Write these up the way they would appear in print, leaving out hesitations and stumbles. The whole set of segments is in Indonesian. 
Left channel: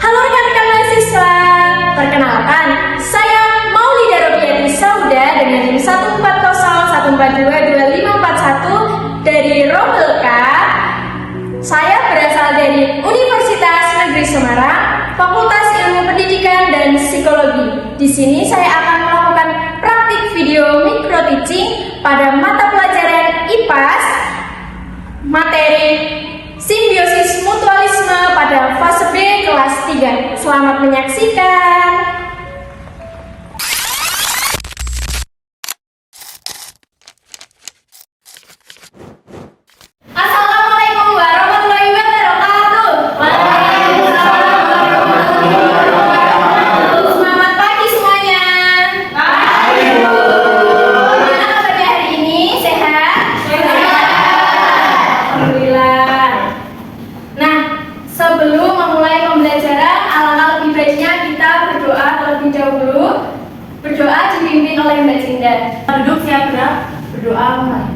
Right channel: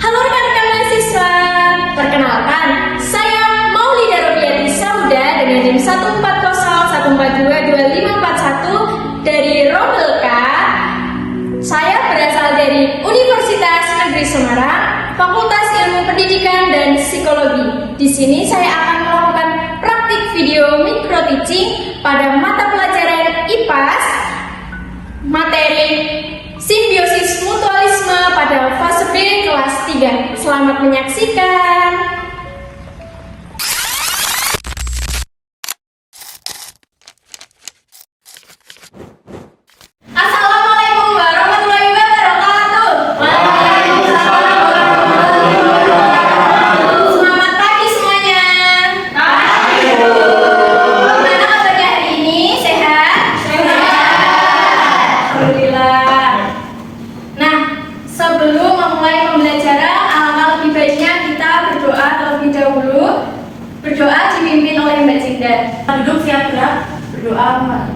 Halo rekan-rekan mahasiswa, perkenalkan, saya Maulida Robiati Sauda dengan NIM 14014225541 dari Rombelka. Saya berasal dari Universitas Negeri Semarang, Fakultas Ilmu Pendidikan dan Psikologi. Di sini saya akan melakukan praktik video micro teaching pada mata pelajaran IPAS, materi Simbiosis Mutualisme pada fase B kelas 3. Selamat menyaksikan. Assalamualaikum warahmatullahi wabarakatuh. Waalaikumsalam warahmatullahi wabarakatuh. Selamat pagi semuanya. Pagi, Bu. Gimana kabarnya hari ini? Sehat? Sehat. Alhamdulillah. Sebelum memulai pembelajaran, alangkah lebih baiknya kita berdoa terlebih dahulu. Berdoa dipimpin oleh Mbak Cinda. Duduk siap gerak, berdoa mulai.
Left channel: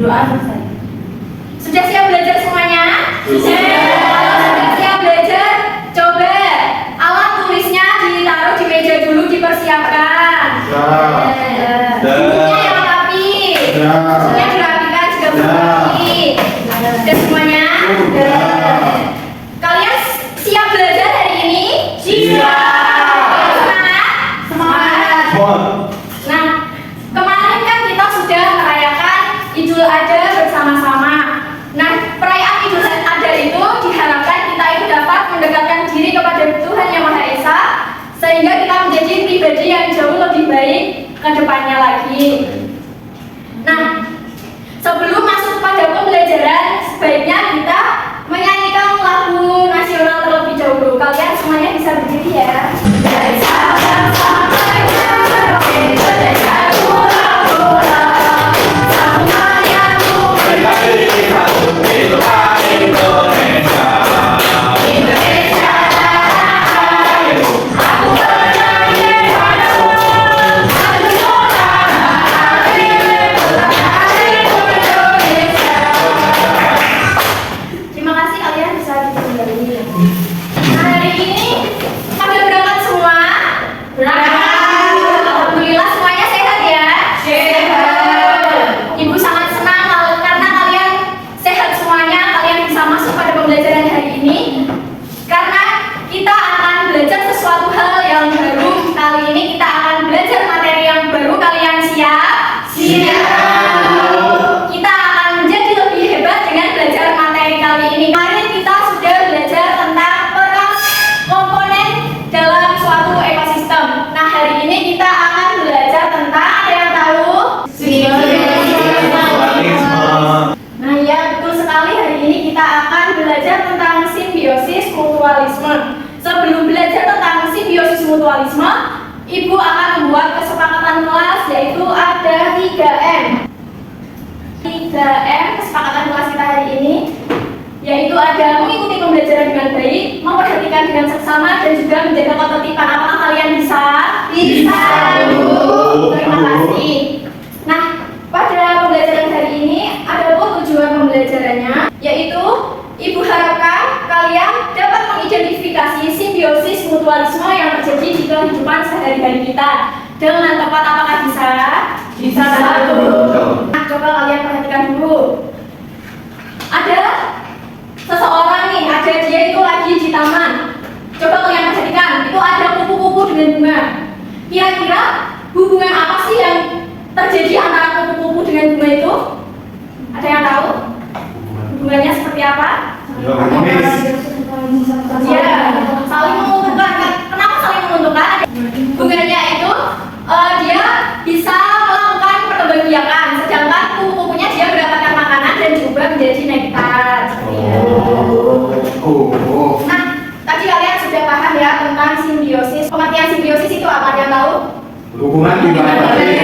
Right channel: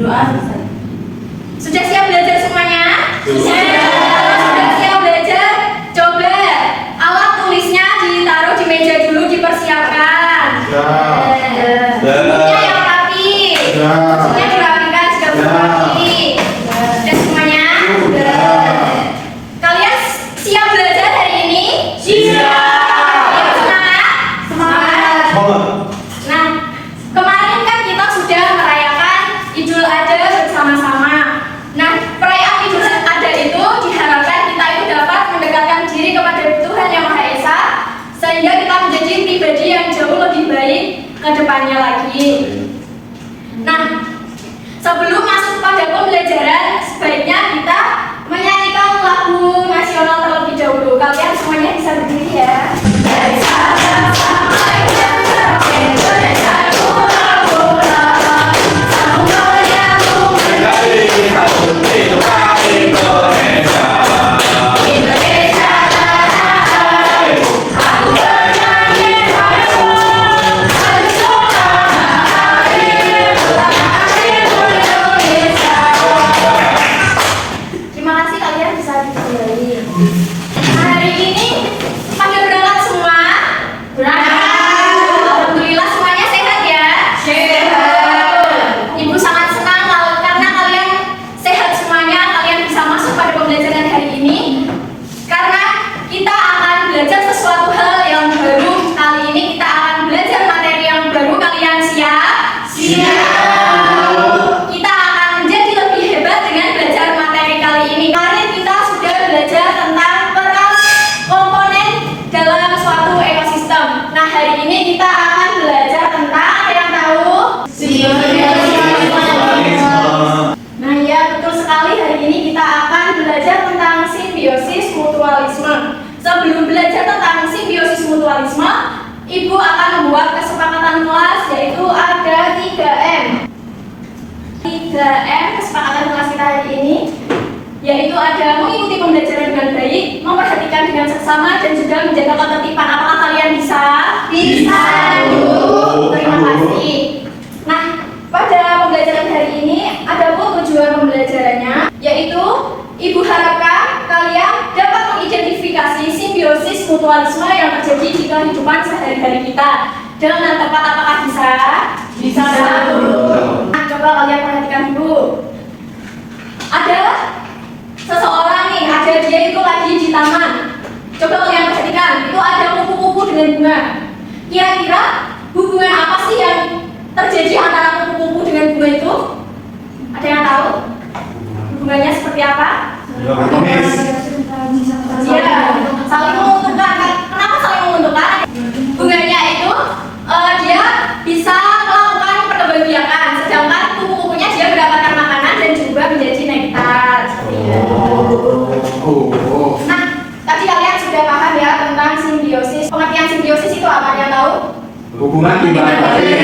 Doa selesai. Sudah siap belajar semuanya? Sudah. Kalau sudah siap belajar, coba alat tulisnya ditaruh di meja dulu, dipersiapkan. Bukunya yang rapi. Bukunya dirapikan juga rapi. Sudah semuanya? Kalian siap belajar hari ini? Siap. Semangat? Semangat. Nah, kemarin kan kita sudah merayakan Idul Adha bersama-sama. Nah, perayaan Idul Adha itu diharapkan kita itu dapat mendekatkan diri kepada Tuhan Yang Maha Esa, sehingga kita menjadi pribadi yang jauh lebih baik ke depannya lagi. Nah, sebelum masuk pada pembelajaran, sebaiknya kita menyanyikan lagu nasional terlebih dahulu. Kalian semuanya bisa berdiri ya. Dari Sabang sampai Merauke, Indonesia pulau-pulau, semuanya memiliki Indonesia. Indonesia tanah airku, aku bernyanyi padamu. Aku tanah airku, Indonesia. Terima kasih, kalian bisa kembali. Hari ini pada berangkat semua? Berangkat. Alhamdulillah semuanya sehat ya? Sehat. Ibu sangat senang karena kalian sehat semuanya. Kalian bisa masuk pada pembelajaran hari ini karena kita akan belajar sesuatu hal yang baru. Kali ini kita akan belajar materi yang baru. Kalian siap? Siap. Kita akan menjadi lebih hebat dengan belajar materi kali ini. Kemarin kita sudah belajar tentang peran komponen dalam suatu ekosistem. Nah, hari ini kita akan belajar tentang, ada yang tahu? Nah, ya betul sekali, hari ini kita akan belajar tentang simbiosis mutualisme. Sebelum belajar tentang simbiosis mutualisme, Ibu akan membuat kesepakatan kelas, yaitu ada 3M. 3M kesepakatan kelas kita hari ini, yaitu ada mengikuti pembelajaran dengan baik, memperhatikan dengan seksama, dan juga menjaga ketertiban. Apakah kalian bisa? Bisa, Bu. Terima kasih. Nah, pada pembelajaran hari ini ada tujuan pembelajarannya, yaitu Ibu harapkan kalian dapat mengidentifikasi simbiosis mutualisme yang terjadi di kehidupan sehari-hari kita dengan tepat. Apakah bisa? Bisa, Bu. Nah, coba kalian perhatikan dulu. Ada seseorang nih, ada dia itu lagi di taman. Coba kalian perhatikan, itu ada kupu-kupu dengan bunga. Kira-kira hubungan apa sih yang terjadi antara kupu-kupu dengan bunga itu? Ada yang tahu? Hubungannya seperti apa? Nilai harmonis. Ya, saling menguntungkan. Kenapa saling menguntungkan? Bunganya itu dia bisa melakukan perkembangbiakan, sedangkan kupu-kupunya dia mendapatkan makanan dan juga menjadi nektar. Nah, tadi kalian sudah paham ya tentang simbiosis. Pengertian simbiosis itu apa, yang tahu? Hubungan timbal balik.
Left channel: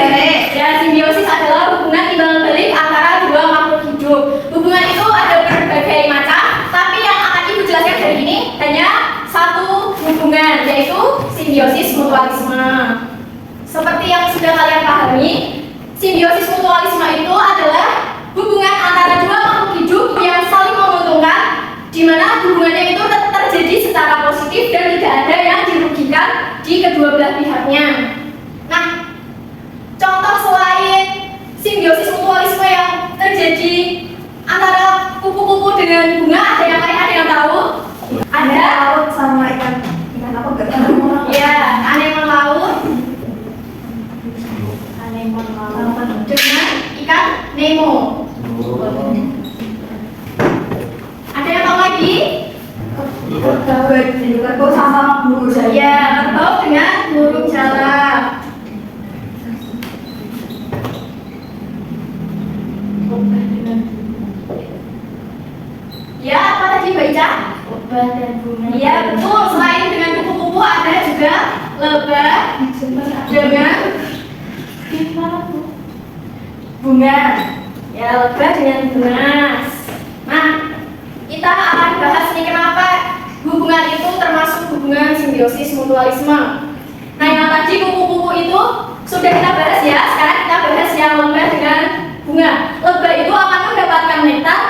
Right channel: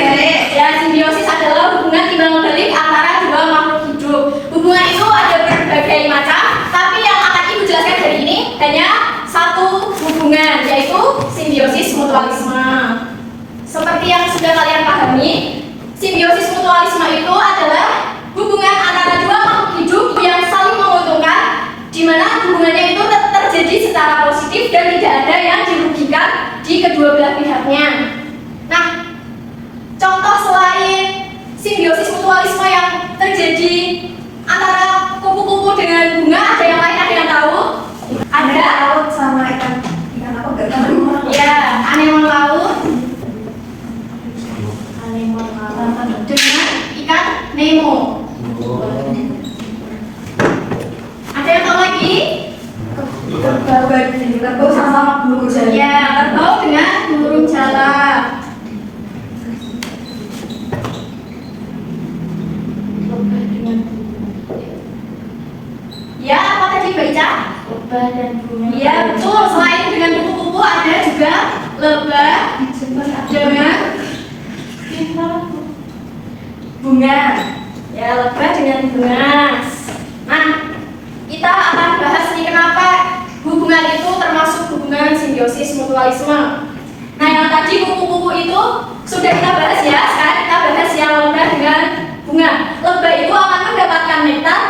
Ya, simbiosis adalah hubungan timbal balik antara dua makhluk hidup. Hubungan itu ada berbagai macam, tapi yang akan Ibu jelaskan hari ini hanya satu hubungan, yaitu simbiosis mutualisme. Seperti yang sudah kalian pahami, simbiosis mutualisme itu adalah hubungan antara dua makhluk hidup yang saling menguntungkan, di mana hubungannya itu terjadi secara positif dan tidak ada yang dirugikan di kedua belah pihaknya. Nah, contoh selain simbiosis mutualisme yang terjadi antara kupu-kupu dengan bunga, ada yang lain, ada yang tahu? Ada laut sama ikan apa enggak tahu. ya, anemon laut dengan ikan Nemo. Ada yang tahu lagi? Kerbau sama burung jala. Ya, kerbau dengan burung jala. Ya, apa tadi Mbak Ica? Lebah dan bunga. Iya, betul. Selain dengan kupu-kupu ada juga lebah dengan bunga. Ya, lebah dengan bunga. Nah, kita akan bahas nih kenapa hubungan itu termasuk hubungan simbiosis mutualisme. Nah, yang tadi kupu-kupu itu sudah kita bahas ya. Sekarang kita bahas yang lebah dengan bunga. Lebah itu akan mendapatkan nektar,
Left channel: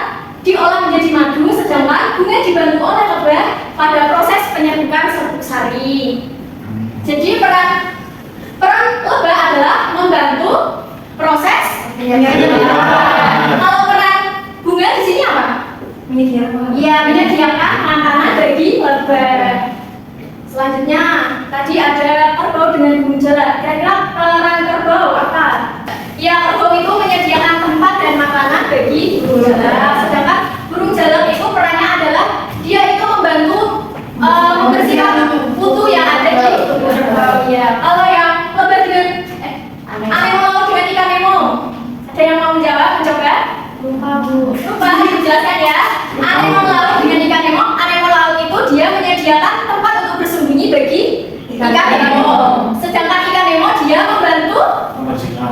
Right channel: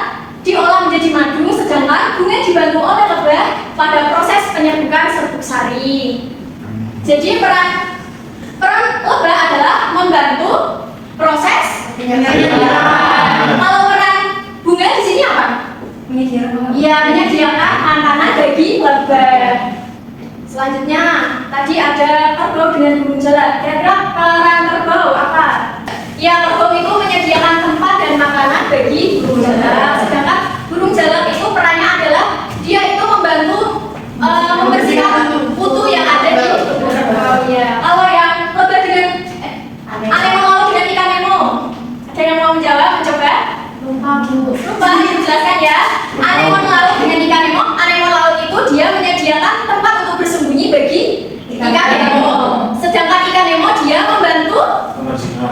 diolah menjadi madu, sedangkan bunga dibantu oleh lebah pada proses penyedukan serbuk sari. Jadi peran lebah adalah membantu proses penyedukan. Kalau peran bunga di sini apa? Menyediakan. Iya, menyediakan makanan bagi lebah. Selanjutnya, tadi ada kerbau dengan burung jala. Kira-kira peran kerbau apa? Ya, kerbau itu menyediakan tempat dan makanan bagi burung jala. Sedangkan burung jala itu perannya adalah dia itu membantu membersihkan kutu yang ada di tubuh kerbau. Ya, kalau yang lebah dengan anemon laut dengan ikan Nemo, ada yang mau menjawab? Mencoba? Lupa, dijelaskan ya. Anemon laut dengan ikan Nemo, anemon laut itu dia menyediakan tempat untuk bersembunyi bagi ikan Nemo. Sedangkan ikan Nemo dia membantu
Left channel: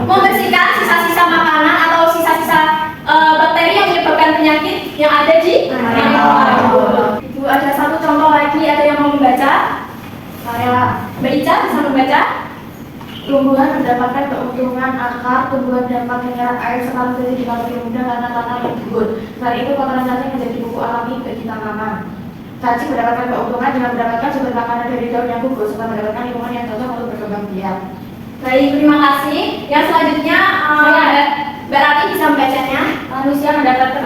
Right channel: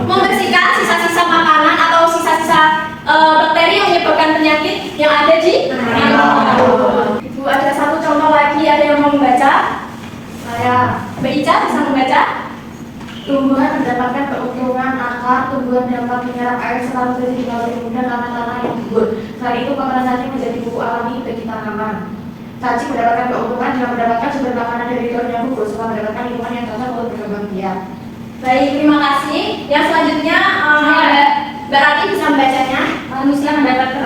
membersihkan sisa-sisa makanan atau sisa-sisa bakteri yang menyebabkan penyakit yang ada di anemon laut. Itu ada satu contoh lagi, ada yang mau membaca? Kayak Mbak Ica bisa membaca? Tumbuhan mendapatkan keuntungan akar, tumbuhan dapat menyerap air serta menjadi lebih mudah karena tanah yang gembur. Selain itu kotoran cacing menjadi pupuk alami bagi tanaman. Cacing mendapatkan keuntungan dengan mendapatkan sumber makanan dari daun yang gugur serta mendapatkan lingkungan yang cocok untuk berkembang biak. Baik, terima kasih. Yang selanjutnya ada Mbak Rati bisa membacanya. Manusia mendapatkan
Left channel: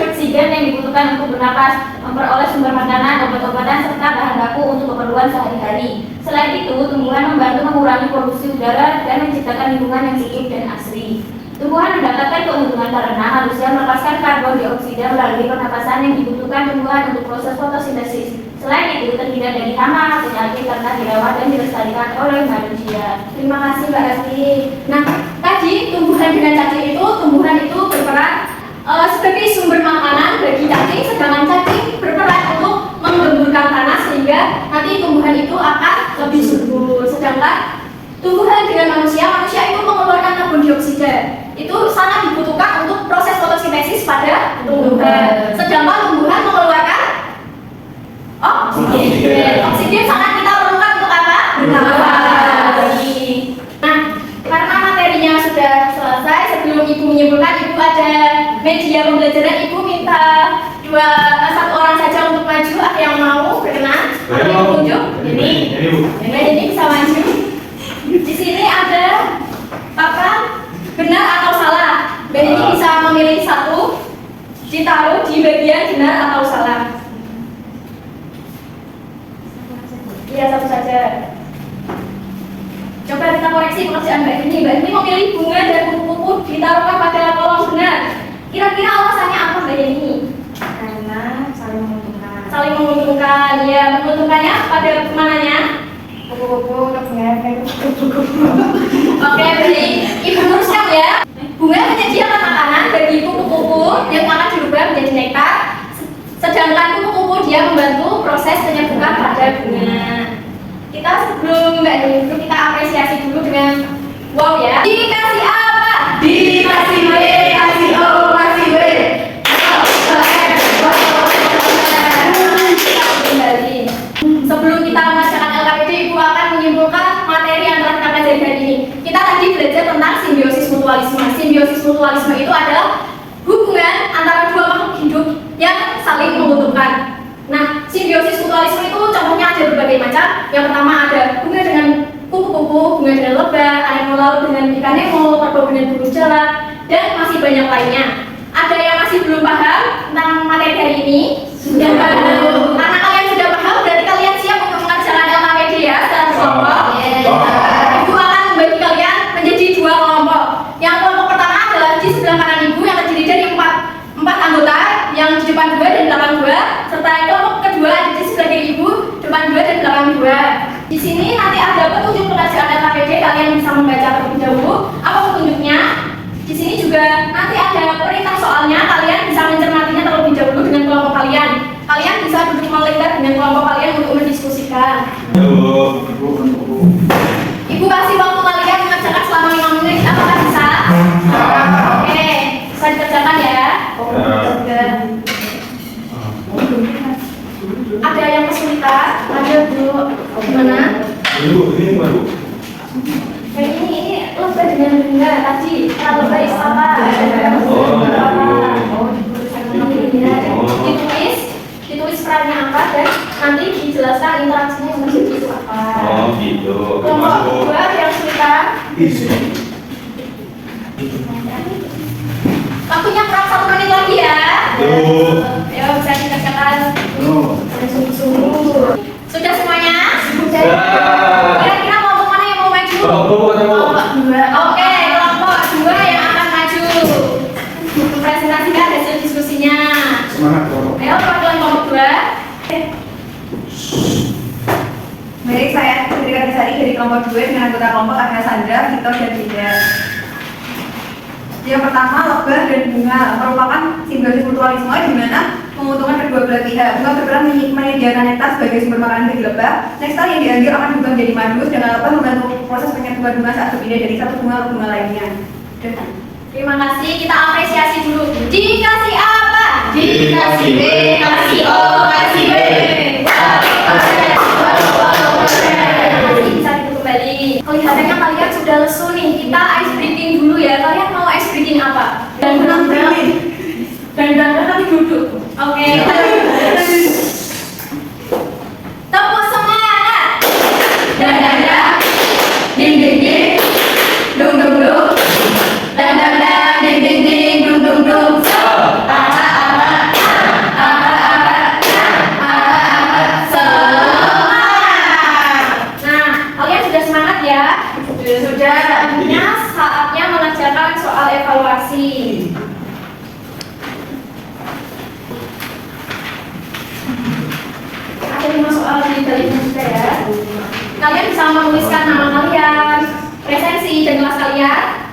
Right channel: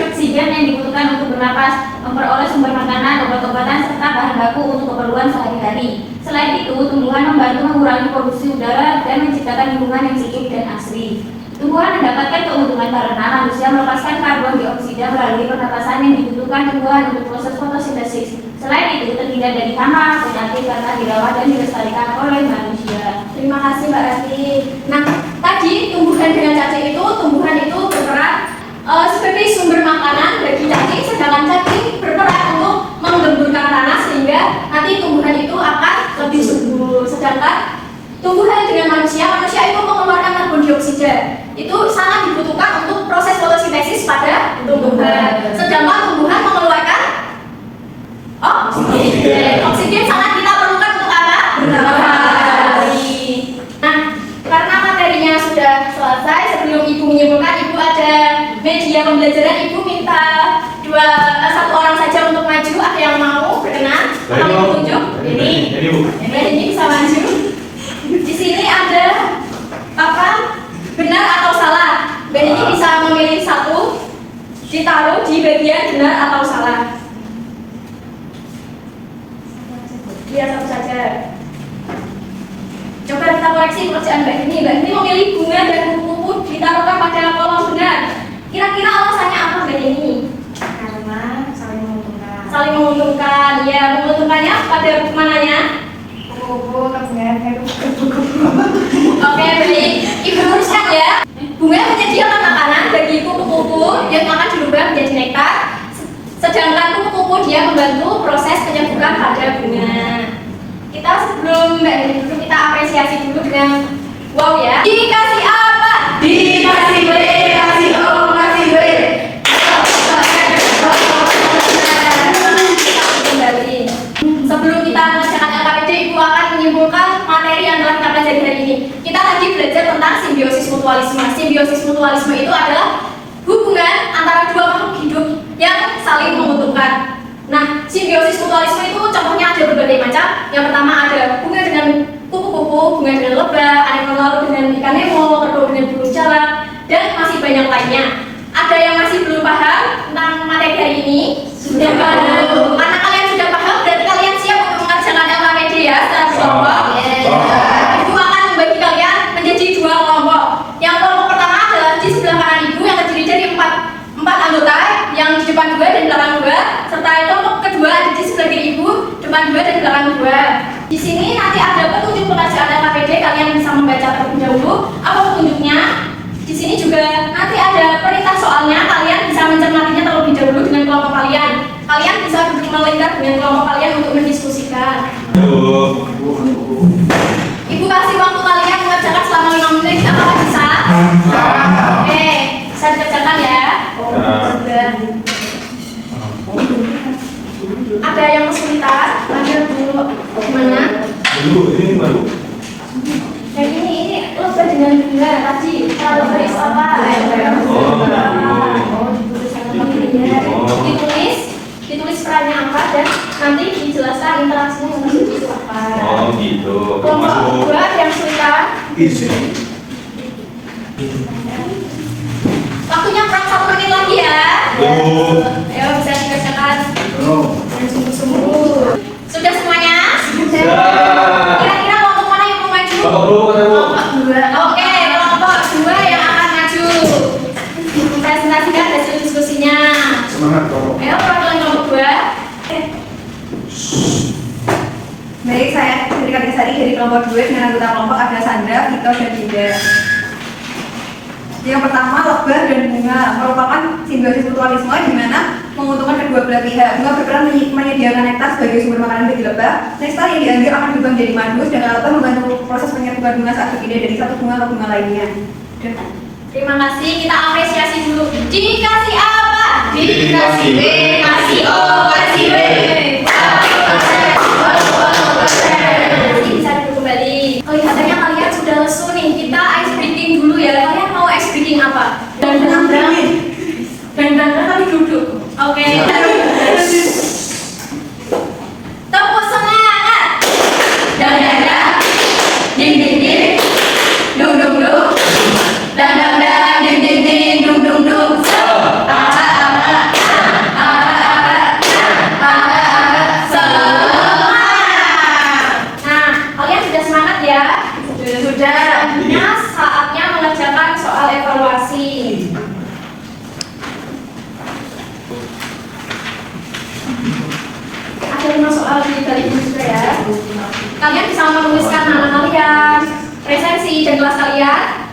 oksigen yang dibutuhkan untuk bernapas, memperoleh sumber makanan, obat-obatan, serta bahan baku untuk keperluan sehari-hari. Selain itu, tumbuhan membantu mengurangi polusi udara dan menciptakan lingkungan yang hidup dan asri. Tumbuhan mendapatkan keuntungan karena manusia melepaskan karbon dioksida melalui pernapasan yang dibutuhkan tumbuhan untuk proses fotosintesis. Selain itu, terhindar dari hama, penyakit karena dirawat dan dilestarikan oleh manusia. Terima kasih Mbak Rati. Nah, tadi tumbuhan dengan cacing itu, tumbuhan itu berperan sebagai sumber makanan bagi cacing, sedangkan cacing berperan untuk menggemburkan tanah sehingga nanti tumbuhan itu akan lebih subur. Sedangkan tumbuhan dengan manusia itu mengeluarkan karbon dioksida. Itu sangat dibutuhkan untuk proses fotosintesis pada tumbuhan. Sedangkan tumbuhan mengeluarkan oksigen. Oksigen sangat kita perlukan untuk apa? Bernafas. Nah, karena materinya sudah selesai, sebelum Ibu menyimpulkan, Ibu ada media pembelajaran. Ibu minta satu orang saja untuk maju. Ada yang mau berkenan? Atau Ibu tunjuk? Ini bisa maju. Di sini ada papan benar atau salah. Mbak ini bisa memilih satu, ditaruh di bagian benar atau salah. Iya, satu saja. Coba kita koreksi pekerjaan Mbak ini. Mbak ini memilih bunga dan kupu-kupu ditaruhkan pada kolom benar. Kira-kira alasannya apa Mbak ini? menguntungkan. Ya, menguntungkannya pada buku mananya? Kupu-kupu kepengen Oke, baik. Ibu luruskan ya. Bunga menyediakan makanan bagi kupu-kupu yang akan dirubah menjadi nektar. Sedangkan kupu-kupu dia membantu proses penyembuhan pada bunga. Kita sebelum nggak dari dulu kita apresiasi dulu dengan wow ya. Dikasih apa? Dikasih B, kasih O, kasih B. Kembali. Sebelum kita mengerjakan LKPD, Ibu akan menyimpulkan materi yang telah kita pelajari hari ini. Kita tadi belajar tentang simbiosis mutualisme. Simbiosis mutualisme itu adalah hubungan antara dua makhluk hidup yang saling menguntungkan. Nah, simbiosis mutualisme itu contohnya ada berbagai macam. Yang pertama ada bunga dengan kupu-kupu, bunga dengan lebah, anemoner dengan ikan nemo, kerbau dengan burung jalak, dan masih banyak lainnya. Ada yang masih belum paham tentang materi hari ini? Sudah paham. Karena kalian sudah paham, berarti kalian siap untuk mengerjakan LKPD ya setelah kelompok. Ibu akan membagi kalian menjadi dua kelompok. Yang kelompok pertama adalah di sebelah kanan Ibu yang terdiri dari empat anggota, yang di depan 2 dan belakang 2, serta kelompok kedua ada di sebelah kiri Ibu, depan 2 dan belakang 2. Di sini nanti ada petunjuk pengerjaan LKPD, kalian bisa membaca terlebih dahulu apa petunjuknya. Di sini juga nanti ada perintah soalnya, kalian bisa mencermatinya terlebih dahulu dengan kelompok kalian. Kalian bisa duduk melingkar dengan kelompok kalian untuk mendiskusikan. Ibu kasih waktu kalian mengerjakan selama 5 menit, apakah bisa? Oke, bisa dikerjakan ya. Ada yang kesulitan? Ayo dulu. Gimana? Ini baru. Kayak ini lebih dengan bunga tadi. Kalau lebih apa? Ditulis perannya apa dan nanti dijelaskan interaksinya sama itu apa. Oh gitu. Kelompok kedua ada yang kesulitan? Isi. Waktunya kurang 1 menit lagi ya. Ayo bisa dikerjakan. Dan sungguh-sungguh. Sudah semuanya? Sudah. Kira-kira kelompok mana yang mau maju? Kelompok 2. Oke, kelompok 2 yang akan maju. Presentasikan hasil diskusinya. Semangat kok. Ayo perwakilan kelompok 2. Baik, saya Putri Kadesari dari kelompok 2 dengan anggota kelompok ada Sandra, Victor, dan Dinda. Yang pertama, lebah dan bunga merupakan simbiosis mutualisme di mana menguntungkan kedua belah pihak. Bunga berperan menyediakan nektar sebagai sumber makanan bagi lebah. Nektar yang diambil akan berubah menjadi madu, sedangkan lebah membantu proses penyerbukan bunga saat berpindah dari satu bunga ke bunga lainnya. Terima kasih, kita apresiasi dulu. Dikasih apa? Dikasih B, kasih O, kasih B. Bisa duduk kembali. Kelihatannya kalian sudah lesu nih. Kita ice breaking dulu ya. Kalian mau ice breaking apa? Dan tapi duduk. Oke. Tepuk semangat. Dan ding ding ding. Dong dong dong. Dan ding ding ding. Dong dong dong. Sudah, akhirnya saatnya mengerjakan soal evaluasi. Ada 5 soal di baliknya juga ya. Kalian bisa menuliskan nama kalian, presensi dan kelas kalian.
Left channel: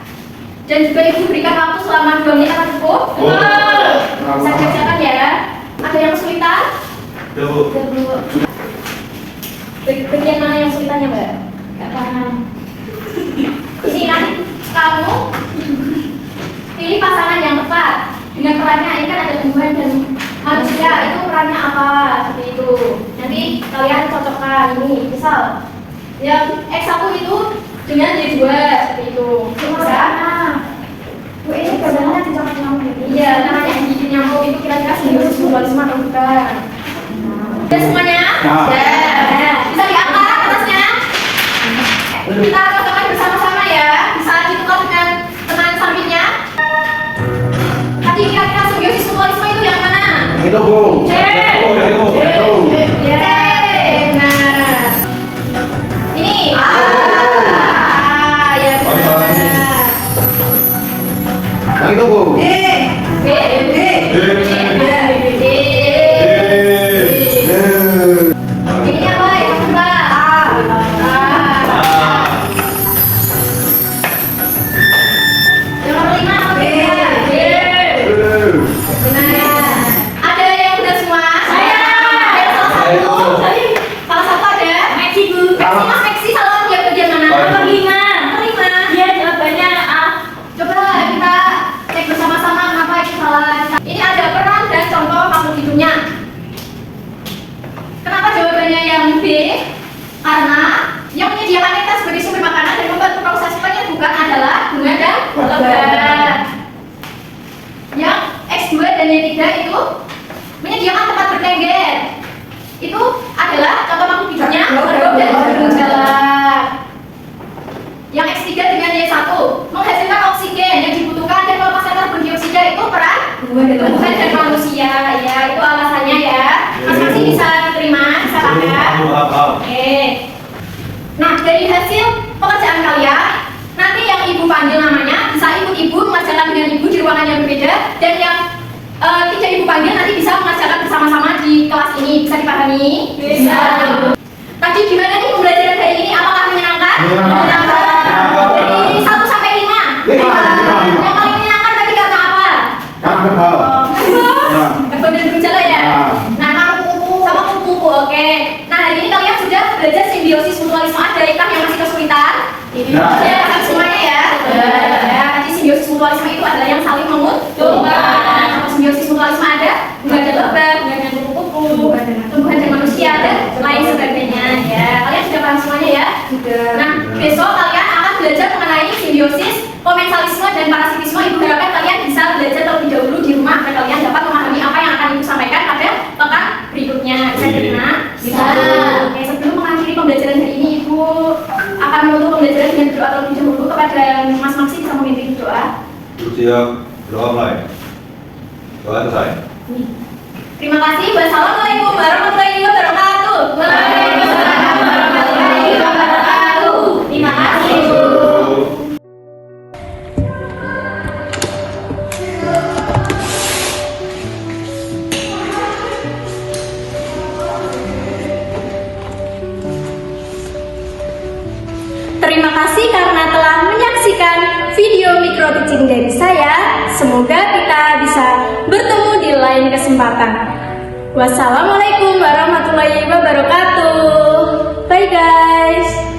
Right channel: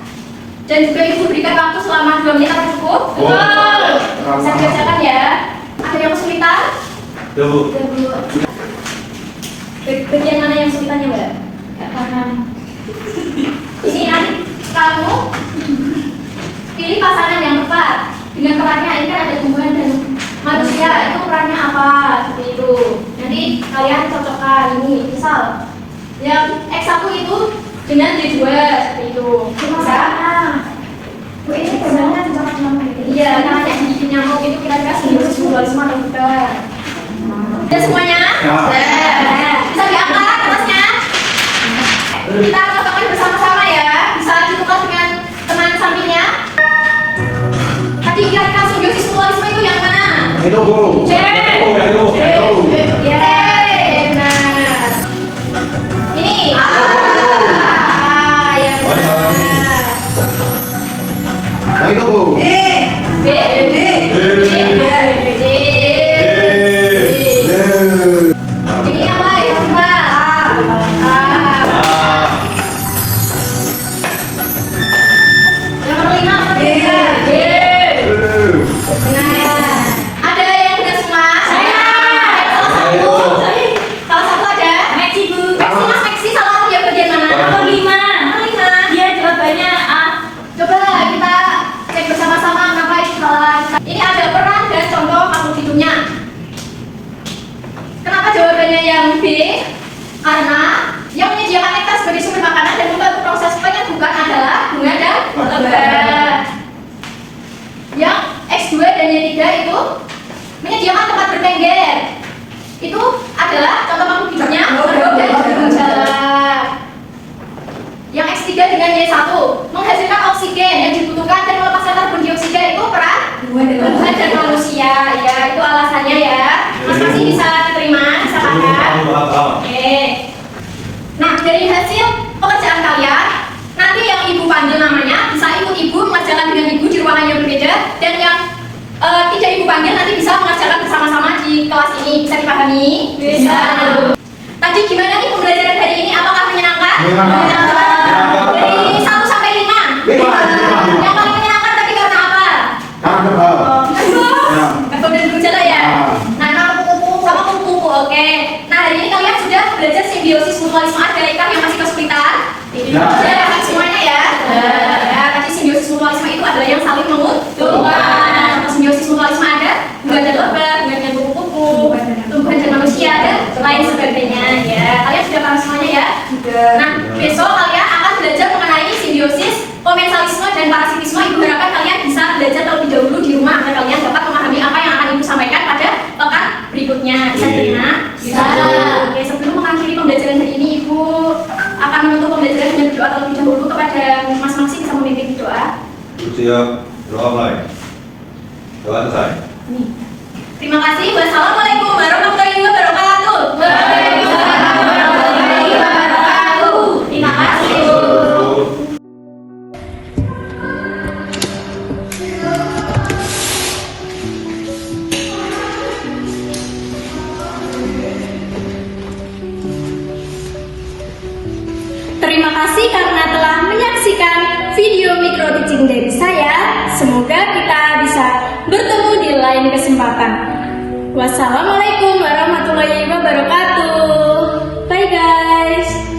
Dan juga Ibu berikan waktu selama 2 menit, apa cukup? Bisa dikerjakan ya. Ada yang kesulitan? Bagian mana yang kesulitannya, Mbak? Gak paham. Ini nanti kamu pilih pasangan yang tepat dengan perannya. Ini kan ada tumbuhan dan manusia, itu perannya apa, seperti itu. Nanti kalian cocokkan ini, misal yang X1 itu dengan Y2 seperti itu. Bisa? Bu, ini gambarnya dicocok nyamuk. Iya, namanya gigi nyamuk itu kira-kira simbiosis mutualisme atau bukan? Udah semuanya? Udah. Bisa diangkat kertasnya? Kita cocokkan bersama-sama ya. Bisa ditukar dengan teman sampingnya. Tadi kira-kira simbiosis mutualisme itu yang mana? Itu Bu. C. Ya. Nah. Ini. Yang benar. Yang itu Bu. B. B. B. B. B. B. menyediakan tempat bertengger. Itu adalah contoh makhluk hidupnya Oh, hidup dan oh, berjalan. Yang X3 dengan Y1 menghasilkan oksigen yang dibutuhkan dan melepaskan karbon dioksida itu peran tumbuhan dan manusia. Ya, itu alasannya ya. Mas Maksi bisa terima, bisa pakai. Oke. Nah, dari hasil pekerjaan kalian, nanti yang ibu panggil namanya bisa ikut ibu mengerjakan dengan ibu di ruangan yang berbeda, dan yang tidak ibu panggil nanti bisa mengerjakan bersama-sama di kelas ini. Bisa dipahami? Bisa. Tadi gimana nih pembelajaran hari ini? Apakah menyenangkan? Menyenangkan. Dari 1 sampai 5. Lima. Yang paling menyenangkan tadi karena apa? Karena kebal. Kebal dan berjalan ya? Nah, sama kupu-kupu, oke. Nah, hari ini kalian sudah belajar simbiosis mutualisme. Ada ikan yang masih kesulitan? Sudah paham semuanya ya? Ya, tadi simbiosis mutualisme itu adalah yang saling menguntungkan. Nah, simbiosis mutualisme ada bunga dan lebah, bunga dengan kupu-kupu, tumbuhan dan manusia, dan lain sebagainya ya. Kalian sudah paham semuanya ya? Sudah. Nah, besok kalian akan belajar mengenai simbiosis, komensalisme, dan parasitisme. Ibu harapkan kalian bisa belajar terlebih dahulu di rumah agar kalian dapat memahami apa yang akan ibu sampaikan pada pekan berikutnya. Bisa diterima? Bisa. Oke, sebelum mengakhiri pembelajaran hari ini, ibu akan menutup pembelajaran dengan berdoa terlebih dahulu. Kepada Mas Maksi bisa memimpin doa. Siap, doa mulai. Doa selesai. Terima kasih. Wassalamualaikum warahmatullahi wabarakatuh. Waalaikumsalam warahmatullahi wabarakatuh. Terima kasih, ibu. Terima kasih karena telah menyaksikan video micro teaching dari saya. Semoga kita bisa bertemu di lain kesempatan. Wassalamualaikum warahmatullahi wabarakatuh. Bye guys.